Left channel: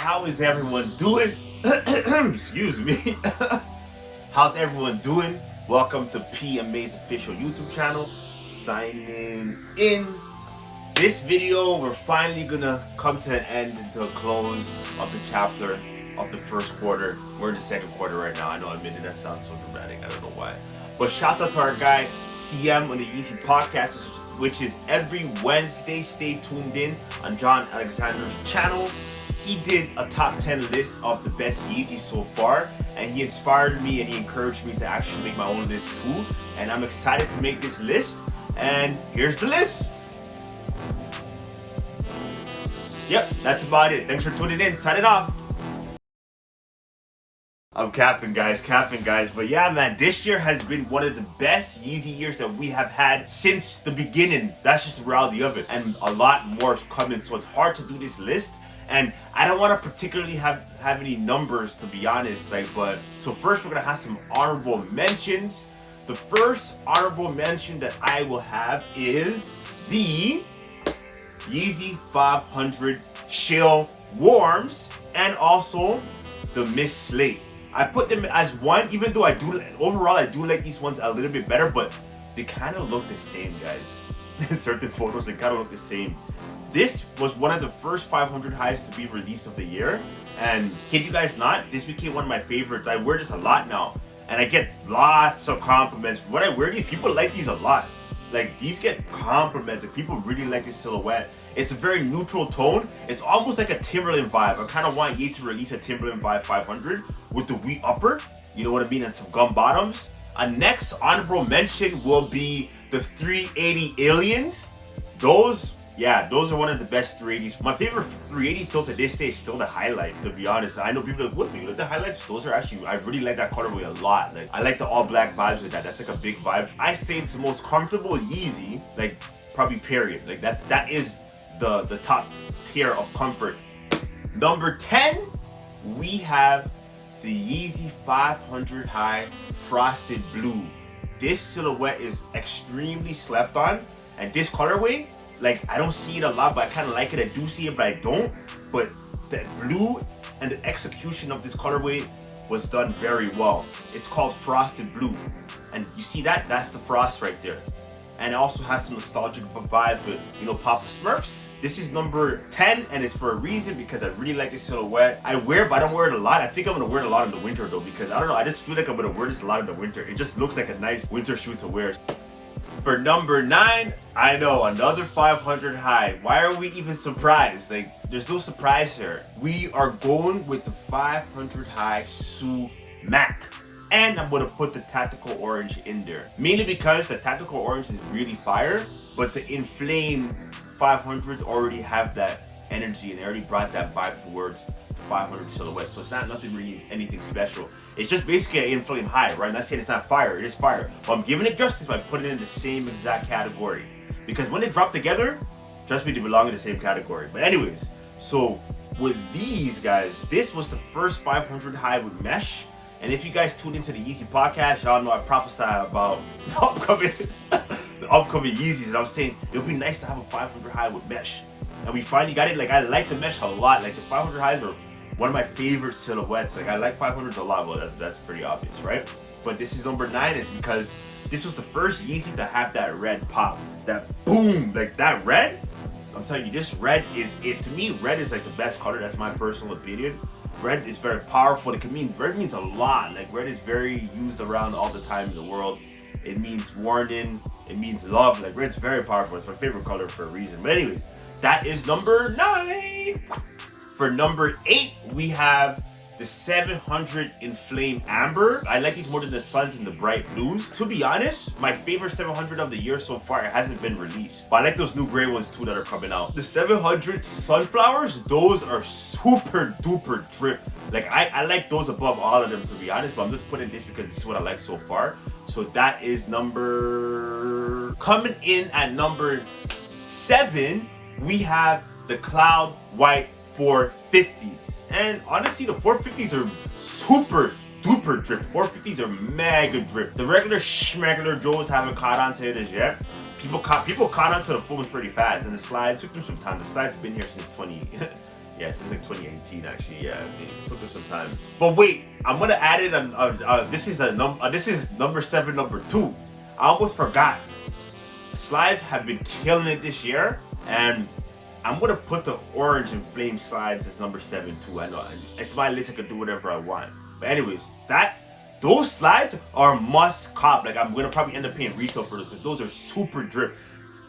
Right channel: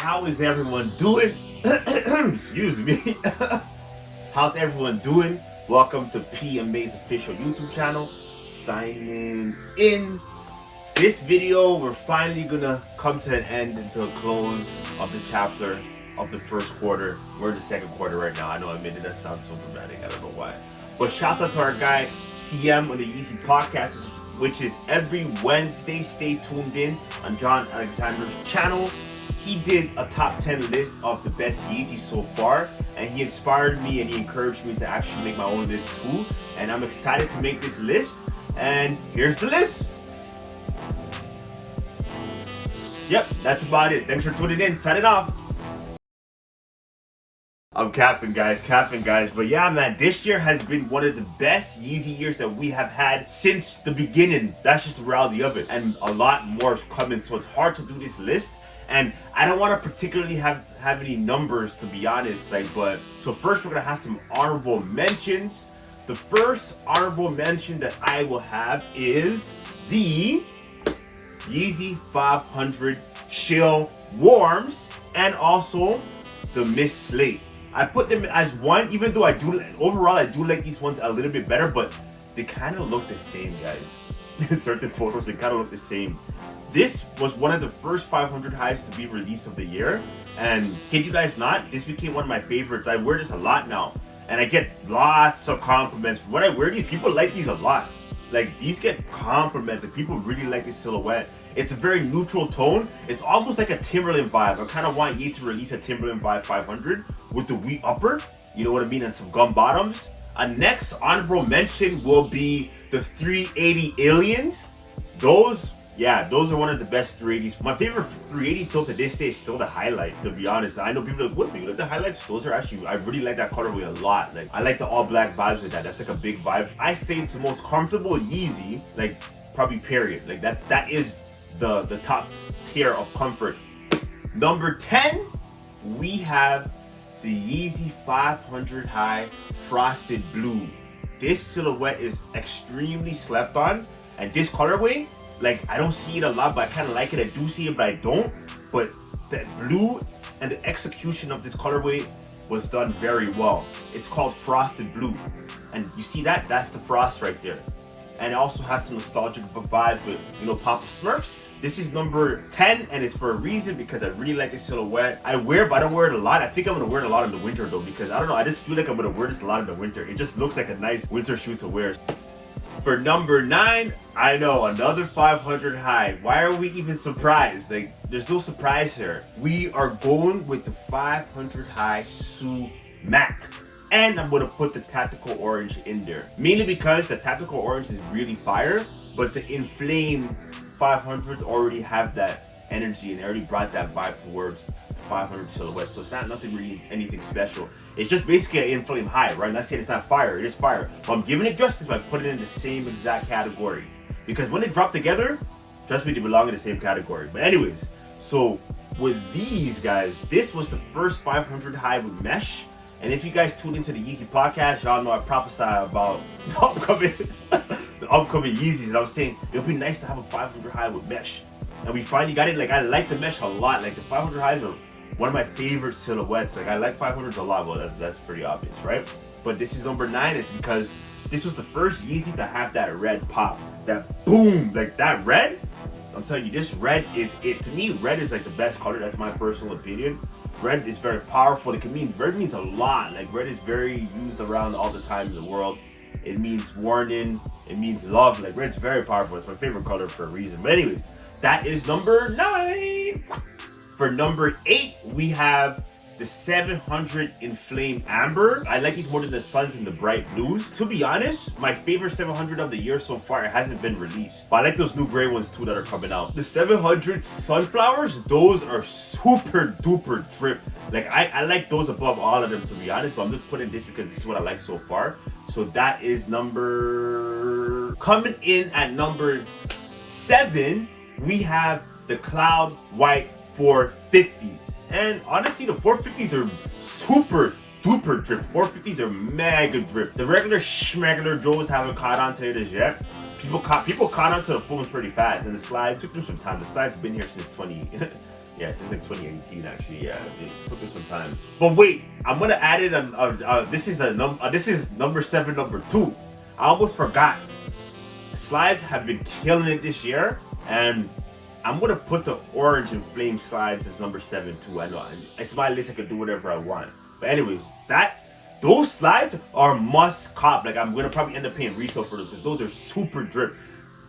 How is everyone doing? Excuse me. How's everyone doing? Welcome to PMA's official YouTube channel. Signing in. This video, we're finally gonna come to an end and to a close of the chapter of the first quarter. We're in the second quarter right now. I know I made it that sound so dramatic. I don't know why. But shout out to our guy CM on the Yeezy podcast, which is every Wednesday. Stay tuned in on John Alexander's channel. He did a top 10 list of the best Yeezy so far, and he inspired me and he encouraged me to actually make my own list too. And I'm excited to make this list. And here's the list. Yep, that's about it. Thanks for tuning in. Sign it off. I'm capping, guys. But yeah, man, this year has been one of the best Yeezy years that we have had since the beginning. That's just the reality of it. And a lot more is coming, so it's hard to do this list. And I don't want to particularly have any numbers, to be honest. So first we're gonna have some honorable mentions. The first honorable mention that I will have is the Yeezy 500 Chill Warms and also the Miss Slate. I put them as one, even though I do like these ones a little bit better, but they kind of look the same, guys. In certain photos, they kind of look the same. This was one of the first 500 highs to be released of the year, and kid you guys not, this became one of my favorites. I wear this a lot now, and I get lots of compliments. When I wear these, people like these a lot. Like, these get compliments, like people really like this silhouette. It's a very neutral tone. It's almost like a Timberland vibe. I kind of want Ye to release a Timberland vibe 500 with the wheat upper, you know what I mean, and some gum bottoms. A next honorable mention will be the 380 Aliens. Those are one of the best 380s. My favorite 380 till to this day is still the highlight, to be honest. I know people are like, what, do you like the highlights? Those are actually, I really like that colorway a lot. Like, I like the all black vibes with that. That's like a big vibe. I say it's the most comfortable Yeezy, like, probably period. Like, that is the top tier of comfort. Number 10, we have the Yeezy 500 High Frosted Blue. This silhouette is extremely slept on, and this colorway, like, I don't see it a lot, but I kind of like it. I do see it, but I don't. But the blue and the execution of this colorway was done very well. It's called Frosted Blue. And you see that? That's the frost right there. And it also has some nostalgic vibes with, you know, Papa Smurfs. This is number 10, and it's for a reason, because I really like this silhouette. I wear it, but I don't wear it a lot. I think I'm gonna wear it a lot in the winter though, because I don't know, I just feel like I'm gonna wear this a lot in the winter. It just looks like a nice winter shoe to wear. For number 9, I know, another 500 high. Why are we even surprised? Like, there's no surprise here. We are going with the 500 high Sumac. And I'm gonna put the Tactical Orange in there. Mainly because the Tactical Orange is really fire, but the Inflame 500s already have that energy, and they already brought that vibe towards the 500 silhouette. So it's not nothing really anything special. It's just basically an Inflame high, right? I'm not saying it's not fire, it is fire. But I'm giving it justice by putting it in the same exact category. Because when they drop together, trust me, they belong in the same category. But anyways, so with these guys, this was the first 500 high with mesh. And if you guys tune into the Yeezy podcast, y'all know I prophesy about the upcoming Yeezys. And I was saying, it would be nice to have a 500 high with mesh. And we finally got it. Like, I like the mesh a lot. Like, the 500 highs are one of my favorite silhouettes. Like, I like 500s a lot. Well, that's pretty obvious, right? But this is number 9 is because this was the first Yeezy to have that red pop. That boom, like that red. I'm telling you, this red is it. To me, red is like the best color. That's my personal opinion. Red is very powerful. Red means a lot. Like, red is very used around all the time in the world. It means warning. It means love. Like, red's very powerful. It's my favorite color for a reason. But anyways, that is number 9. For number 8, we have the 700 Inflame Amber. I like these more than the Suns and the Bright Blues. To be honest, my favorite 700 of the year so far, it hasn't been released. But I like those new gray ones too that are coming out. The 700 Sunflowers, those are super duper drip. Like, I like those above all of them, to be honest, but I'm just putting this because this is what I like so far. So that is coming in at number 7, we have the Cloud White 450s. And honestly, the 450s are super duper drip. 450s are mega drip. The regular schmegular Joes haven't caught on to it as yet. People caught on to the foams pretty fast, and the slides took them some time. The slides have been here since Yeah, since like 2018 actually. Yeah, it took us some time. But wait, I'm gonna add it on. This is this is number 7, number 2. I almost forgot. Slides have been killing it this year, and I'm gonna put the orange and flame slides as number 7 too. I know it's my list. I can do whatever I want. But anyways, those slides are must cop. Like I'm gonna probably end up paying resale for those because those are super drip.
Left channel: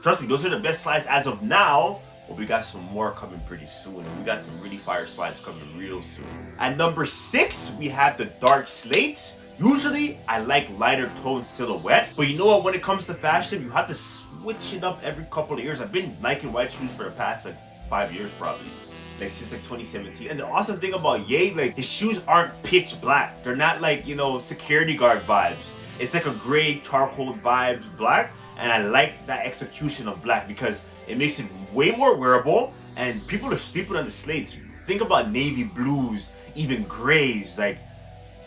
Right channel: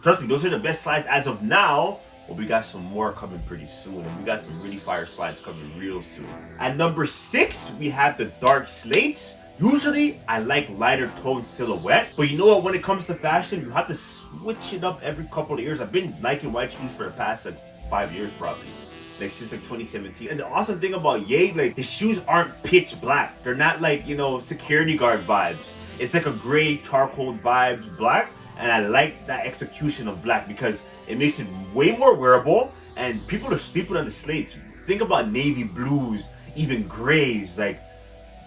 Trust me, those are the best slides as of now. But we got some more coming pretty soon, and we got some really fire slides coming real soon. At number 6, we have the dark slates. Usually, I like lighter tone silhouette, but you know what? When it comes to fashion, you have to switch it up every couple of years. I've been liking white shoes for the past like 5 years probably. Like since like 2017. And the awesome thing about Ye, like his shoes aren't pitch black. They're not like, you know, security guard vibes. It's like a gray charcoal vibes black. And I like that execution of black because it makes it way more wearable, and people are sleeping on the slates. Think about navy blues, even grays. Like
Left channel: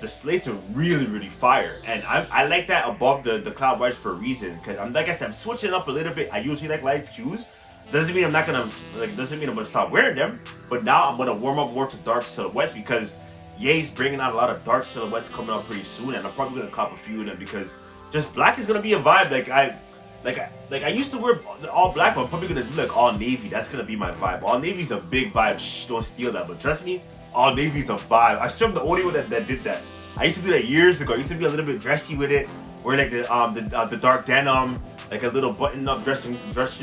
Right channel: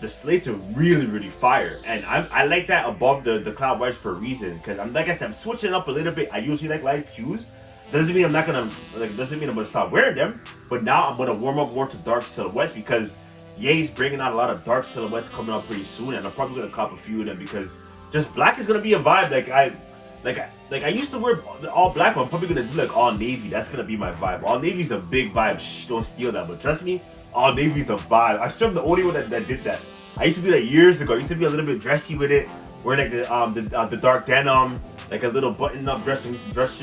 the slates are really, really fire, and I like that above the cloud whites for a reason. Because I'm like I said, I'm switching up a little bit. I usually like light shoes. Doesn't mean I'm not gonna doesn't mean I'm gonna stop wearing them. But now I'm gonna warm up more to dark silhouettes because Ye's bringing out a lot of dark silhouettes coming out pretty soon, and I'm probably gonna cop a few of them because just black is gonna be a vibe. Like I used to wear all black, but I'm probably gonna do like all navy. That's gonna be my vibe. All navy's a big vibe. Shh, don't steal that. But trust me, all navy's a vibe. I'm sure I'm the only one that did that. I used to do that years ago. I used to be a little bit dressy with it. Wear like the dark denim, like a little button-up dressing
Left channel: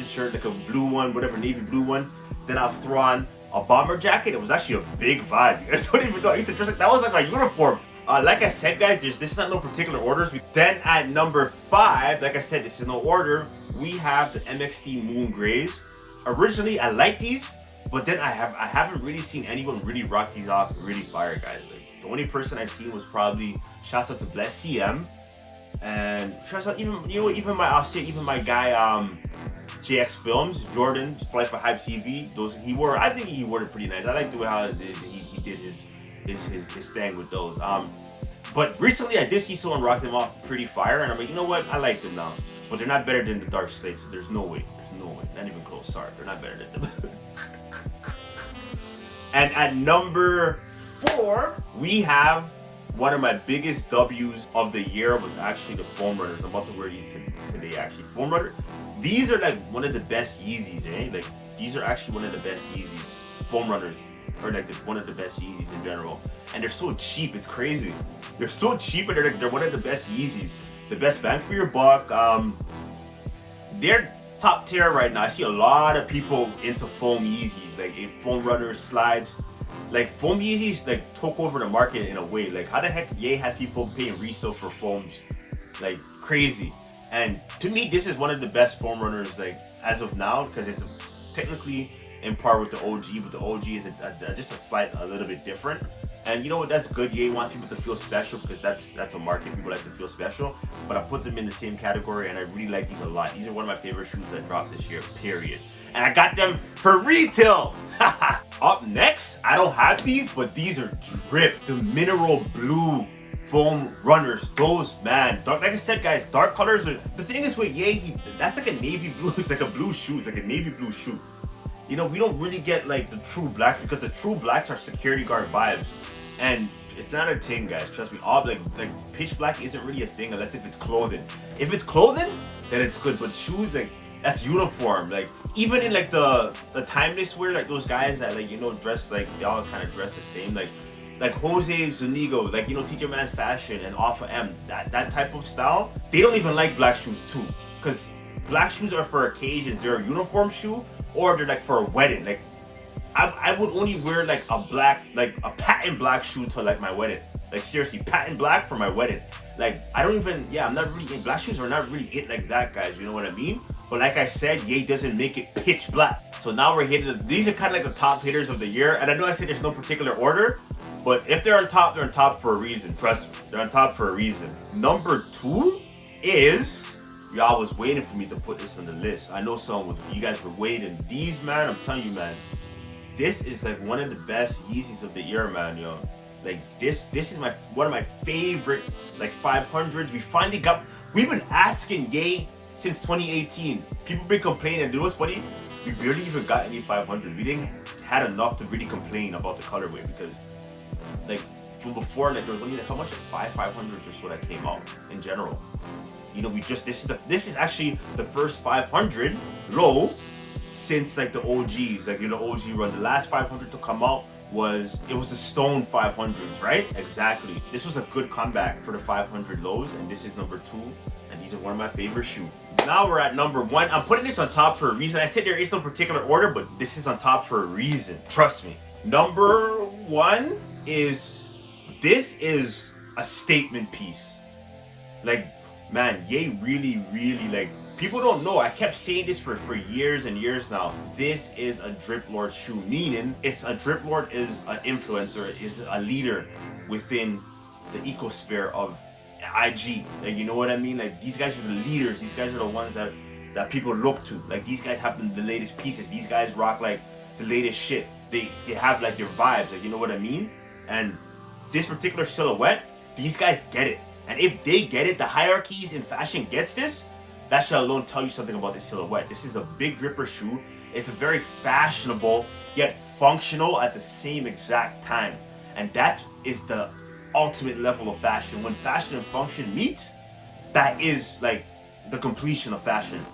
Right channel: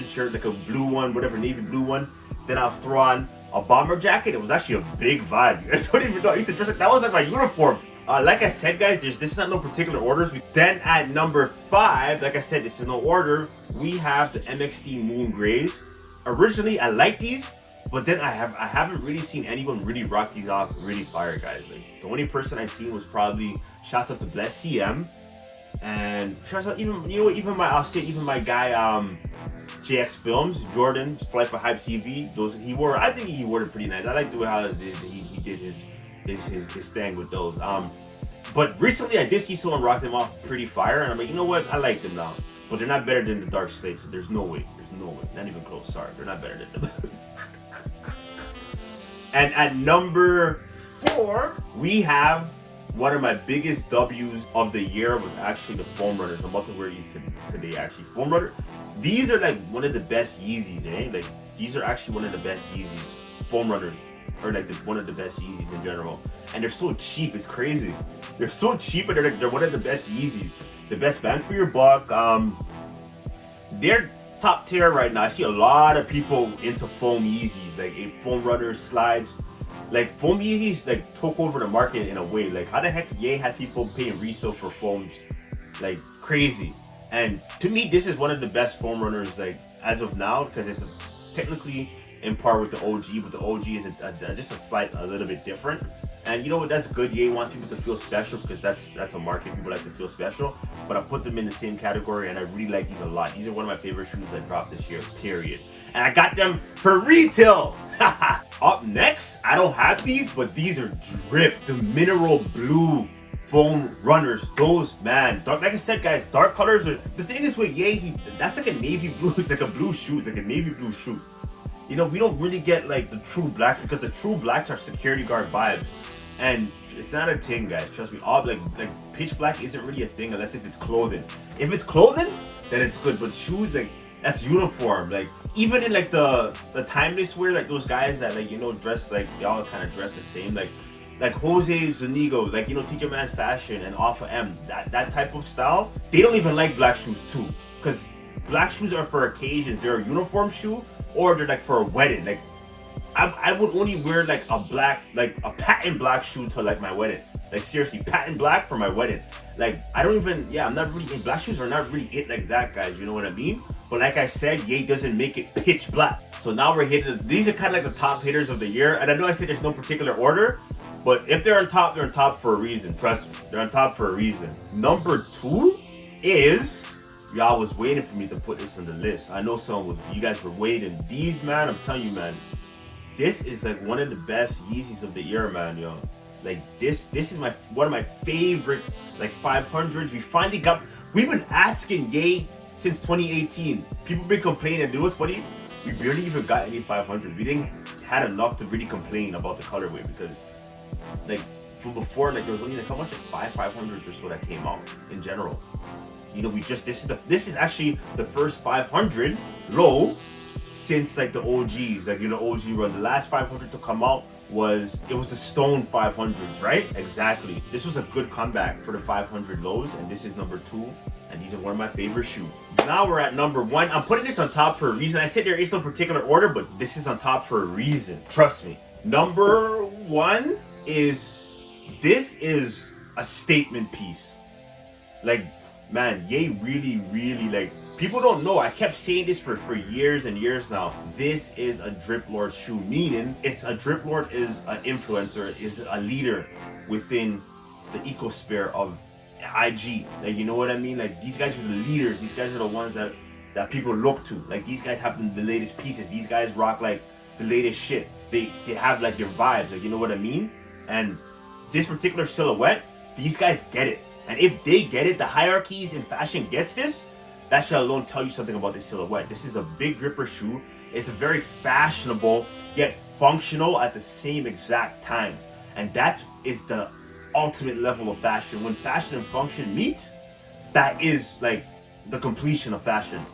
shirt, like a blue one, whatever, navy blue one. Then I'll throw on a bomber jacket. It was actually a big vibe. You guys don't even know. I used to dress like that was like my uniform. Like I said, guys, this is not no particular orders. Then at number 5, like I said, this is no order. We have the MXD Moon Grays. Originally, I like these, but then I haven't really seen anyone really rock these off really fire, guys. Like the only person I've seen was probably shouts out to Bless CM, and shouts out even my guy JX Films Jordan Flight for Hype TV. I think he wore it pretty nice. I like the way how he did his thing with those. But recently I did see someone rock them off pretty fire, and I'm like, you know what? I like them now. But they're not better than the dark slates. There's no way. Not even close. Sorry, they're not better than them. And at number 4, we have one of my biggest W's of the year was actually the foam runners. I'm about to wear these today actually. Foam runner. These are like one of the best Yeezys, eh? Like these are actually one of the best Yeezys. Foam runners. Or like one of the best Yeezys in general, and they're so cheap. It's crazy. They're so cheap, and they're one of the best Yeezys. The best bang for your buck. They're top tier right now. I see a lot of people into foam Yeezys, like foam runners, slides. Like foam Yeezys, like took over the market in a way. Like how the heck Ye had people paying resale for foams, like crazy. And to me, this is one of the best foam runners, like as of now, because it's technically in par with the OG, but the OG is just a little bit different. And you know what? That's good. Ye wants people to feel special because that's a market. People like to feel special. But I put them in the same category, and I really like these a lot. These are one of my favorite shoes that dropped this year. Period. And I got them for retail. Up next, I don't have these, but these are drip. The mineral blue foam runners. Those, man. Dark, like I said, guys, dark colors are. The thing is with Ye, that's like a navy blue. It's like a blue shoe. It's like a navy blue shoe. You know, we don't really get like the true black because the true blacks are security guard vibes, and it's not a thing, guys. Trust me. All like pitch black isn't really a thing unless if it's clothing. If it's clothing, then it's good. But shoes, like that's uniform. Like even in like the timeless wear, like those guys that like dress like they all kind of dress the same, like Jose Zunigo, like Teacher Man Fashion and Alpha M. That type of style. They don't even like black shoes too, because black shoes are for occasions. They're a uniform shoe. Or they're like for a wedding. Like I would only wear like a black, like a patent black shoe to like my wedding. Like seriously, patent black for my wedding. Like I don't even, I'm not really, black shoes are not really it like that, guys. You know what I mean? But like I said, Ye doesn't make it pitch black. So now we're hitting, these are kind of like the top hitters of the year. And I know I said there's no particular order, but if they're on top, they're on top for a reason. Trust me, they're on top for a reason. Number 2 is, y'all was waiting for me to put this on the list. I know you guys were waiting. These, man, I'm telling you, man, this is like one of the best Yeezys of the year, man, yo. Like this is one of my favorite like 500s. We've been asking Ye since 2018. People been complaining. It was funny. We barely even got any 500s. We didn't had enough to really complain about the colorway, because like from before, like there was only like how much, 500s or so that came out in general. You know, this is actually the first 500 low since like the OGs, like, you know, OG run. The last 500 to come out was the Stone 500s, right? Exactly. This was a good comeback for the 500 lows, and this is number 2, and these are one of my favorite shoes. Now we're at number 1. I'm putting this on top for a reason. I said there is no particular order, but this is on top for a reason. Trust me. Number 1 is, this is a statement piece. Like, man, Ye really, like, people don't know. I kept saying this for years and years now. This is a Drip Lord shoe, meaning a Drip Lord is an influencer, is a leader within the ecosphere of IG. Like, you know what I mean? Like, these guys are the leaders. These guys are the ones that people look to. Like, these guys have the latest pieces. These guys rock like the latest shit. They have like their vibes. Like, you know what I mean? And this particular silhouette, these guys get it. And if they get it, the hierarchies in fashion gets this, that should alone tell you something about this silhouette. This is a big dripper shoe. It's a very fashionable, yet functional at the same exact time. And that is the ultimate level of fashion. When fashion and function meets, that is like the completion of fashion.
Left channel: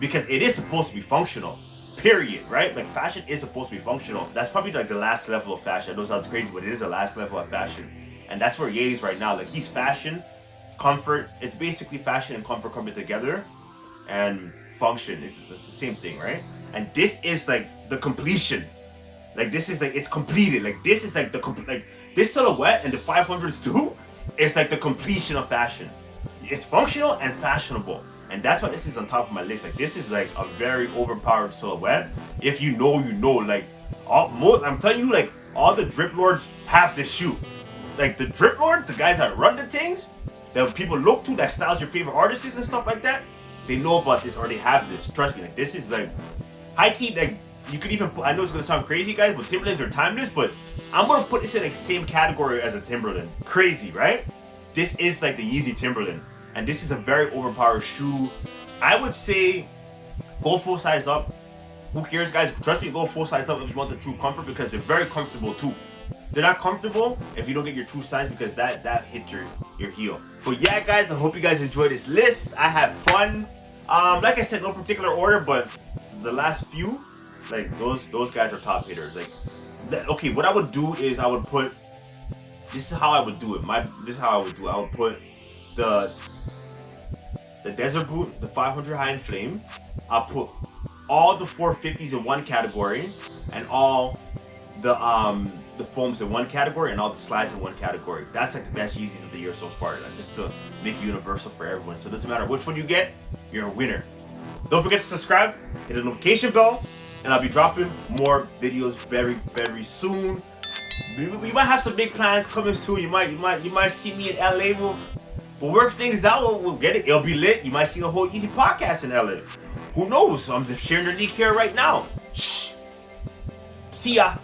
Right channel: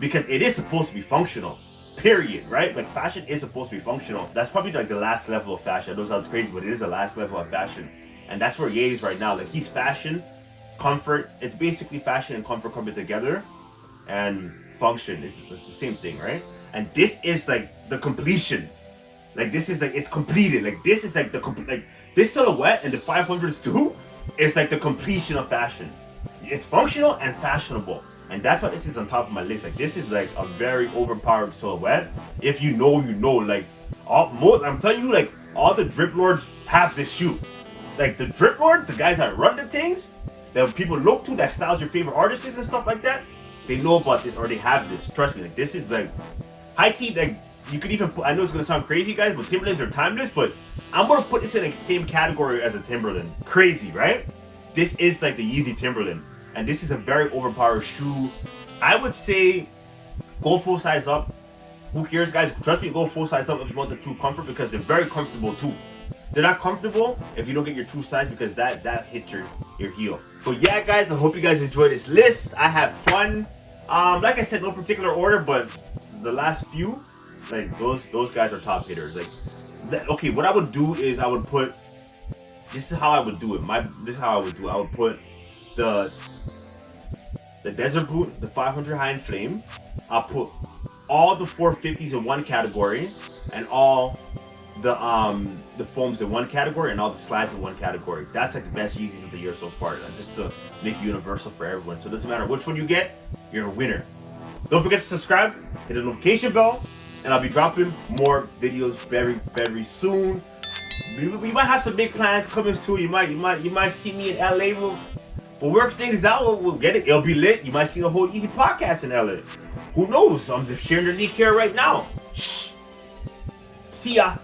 Because it is supposed to be functional, period, right? Like, fashion is supposed to be functional. That's probably like the last level of fashion. I know it sounds crazy, but it is the last level of fashion. And that's where Ye is right now. Like, he's fashion, comfort. It's basically fashion and comfort coming together. And function is the same thing, right? And this is like the completion. Like, this is like, it's completed. Like, this is like like this silhouette and the 500s too is like the completion of fashion. It's functional and fashionable. And that's why this is on top of my list. Like, this is like a very overpowered silhouette. If you know, you know. Like, I'm telling you, like, all the Drip Lords have this shoe. Like, the Drip Lords, the guys that run the things, that people look to, that styles your favorite artists and stuff like that, they know about this or they have this. Trust me, like, this is like high key. Like, you could even put, I know it's gonna sound crazy, guys, but Timberlands are timeless, but I'm gonna put this in the same category as a Timberland. Crazy, right? This is like the Yeezy Timberland, and this is a very overpowered shoe. I would say go full size up. Who cares, guys? Trust me, go full size up if you want the true comfort, because they're very comfortable too. They're not comfortable if you don't get your true size, because that hits your heel. But yeah, guys, I hope you guys enjoyed this list. I had fun. Like I said, no particular order, but the last few, like, those guys are top hitters. Like, okay, what I would do is I would put, this is how I would do it. This is how I would do it. I would put the Desert Boot, the 500 High and Flame. I'll put all the 450s in one category, and all the foams in one category, and all the slides in one category. That's like the best Yeezys of the year so far. Just to make it universal for everyone. So it doesn't matter which one you get, you're a winner. Don't forget to subscribe, hit the notification bell, and I'll be dropping more videos very, very soon. We might have some big plans coming soon. You might see me in LA. We'll work things out. We'll get it. It'll be lit. You might see a whole Yeezy podcast in LA. Who knows? I'm just sharing the leak here right now. Shh. See ya.